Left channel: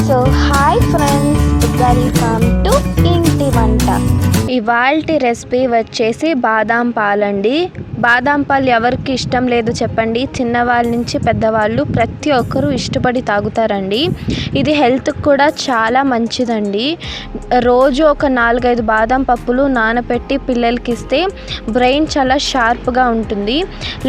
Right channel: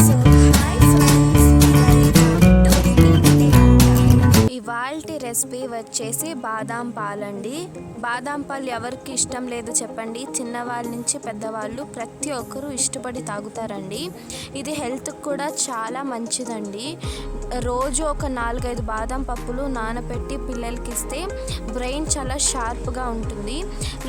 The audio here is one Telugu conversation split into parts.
So hi friends, welcome to ఇంటి వంట. ఇవాల్టి రెసిపీ వచ్చేసి బాదాం పాలండి. బాదాం పాలు ఎవరికి ఇష్టం లేదు చెప్పండి? చిన్నవాళ్ళ నుంచి పెద్దవాళ్ళు ప్రతి ఒక్కరూ ఇష్టపడి తాగుతారండి. ఇది హెల్త్కి కూడా చాలా మంచిదండి. రోజు ఒక 4-5 బాదాం పప్పులు నానబెట్టి పిల్లలకి ఇస్తే బ్రెయిన్ చాలా షార్ప్గా ఉంటుంది.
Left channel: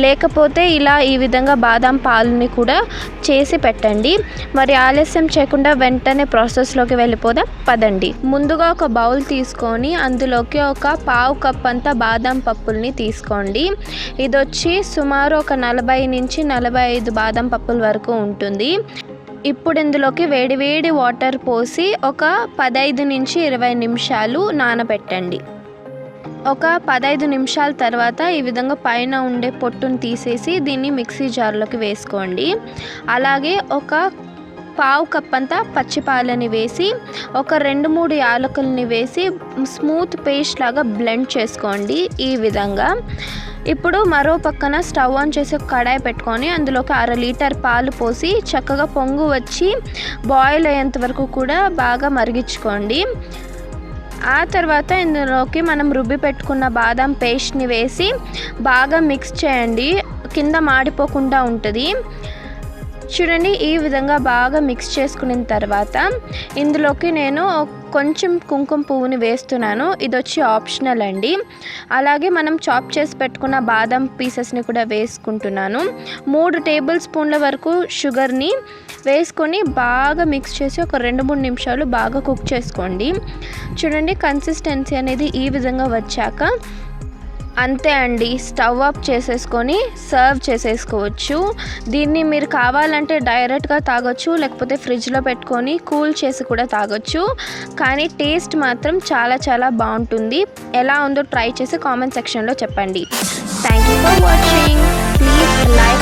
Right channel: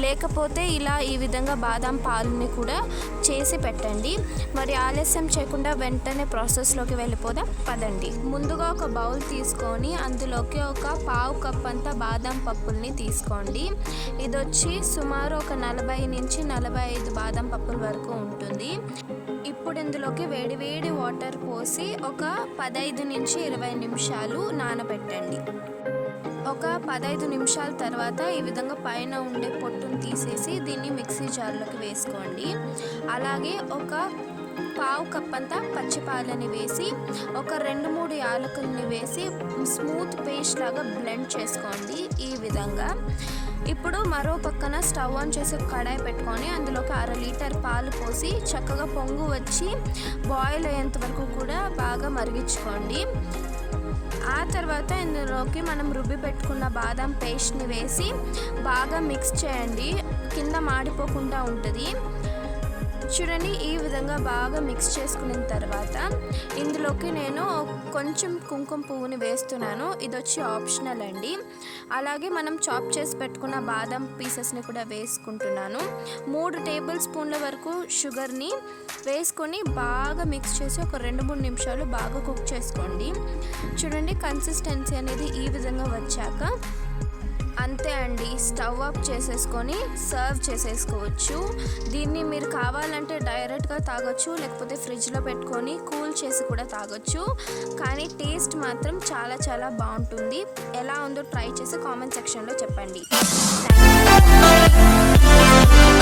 లేకపోతే ఇలా ఈ విధంగా బాదాం పాలని కూడా చేసి పెట్టండి. మరి ఆలస్యం చేయకుండా వెంటనే ప్రాసెస్లోకి వెళ్ళిపోదాం పదండి. ముందుగా ఒక బౌల్ తీసుకొని అందులోకి ఒక 1/2 కప్ అంతా బాదాం పప్పుల్ని తీసుకోండి. ఇది వచ్చి సుమారు ఒక 40 నుంచి 45 బాదం పప్పుల వరకు ఉంటుంది. ఇప్పుడు ఇందులోకి వేడి వాటర్ పోసి ఒక 15 నుంచి 20 నిమిషాలు నానబెట్టండి. ఒక 15 నిమిషాల తర్వాత ఈ విధంగా పైన ఉండే పొట్టును తీసేసి దీన్ని మిక్సీ జార్లోకి వేసుకోండి. అలాగే ఒక 1/2 కప్ అంతా పచ్చిపాలని వేసి ఒక 2-3 యాలకుల్ని వేసి స్మూత్ పేస్ట్ లాగా బ్లెండ్ చేసుకోండి ఈ విధంగా. ఇప్పుడు మరో పక్కన స్టవ్ ఆన్ చేసి ఒక కడాయి పెట్టుకొని అందులోకి 1/2 లీటర్ పాలు పోసి చక్కగా పొంగు వచ్చి బాయిల్ అయ్యేంత వరకు కూడా బాగా మరిగించుకోండి. ఆ తర్వాత ఇందులోకి మనం రుబ్బి పెట్టుకున్న బాదం పేస్ట్ని వేసి బాగా మిక్స్ చేయండి, కింద మాడిపోకుండా ఉంటుంది. చూడండి, ఈ విధంగా బాగా మిక్స్ చేసుకున్న తర్వాత ఇందులోకి నేను కొంచెం కుంకుమ పువ్వుని వేస్తున్నాను. ఇది వచ్చి ఆప్షనల్ అండి. అలాగే మనం చాప్ చేసి పెట్టుకున్న బాదం పీసెస్ని కూడా వేసుకుంటున్నాను. 3 టేబుల్ స్పూన్ల వరకు షుగర్ని వేసుకొని బాగా మిక్స్ చేసి ఒక 2-3 నిమిషాలు బాగా కుక్ చేసుకోండి. చూడండి, కన్సిస్టెన్సీ అనేది ఈ విధంగా వచ్చాక అంతే అండి, స్టవ్ ఆఫ్ చేసేసుకొని సర్వ్ చేసేసుకోవచ్చు. దీన్ని మీరు కావాలంటే డైరెక్ట్గా తాగొచ్చు, లేకపోతే ఫ్రిడ్జ్లో పెట్టుకొని కూల్ చేసి కూడా తాగొచ్చు. కానీ టేస్ట్ మాత్రం చాలా బాగుంటుంది. ఎలా ఉందో ట్రై చేసి కామెంట్ సెక్షన్లో చెప్పండి. Thank you for watching. Please like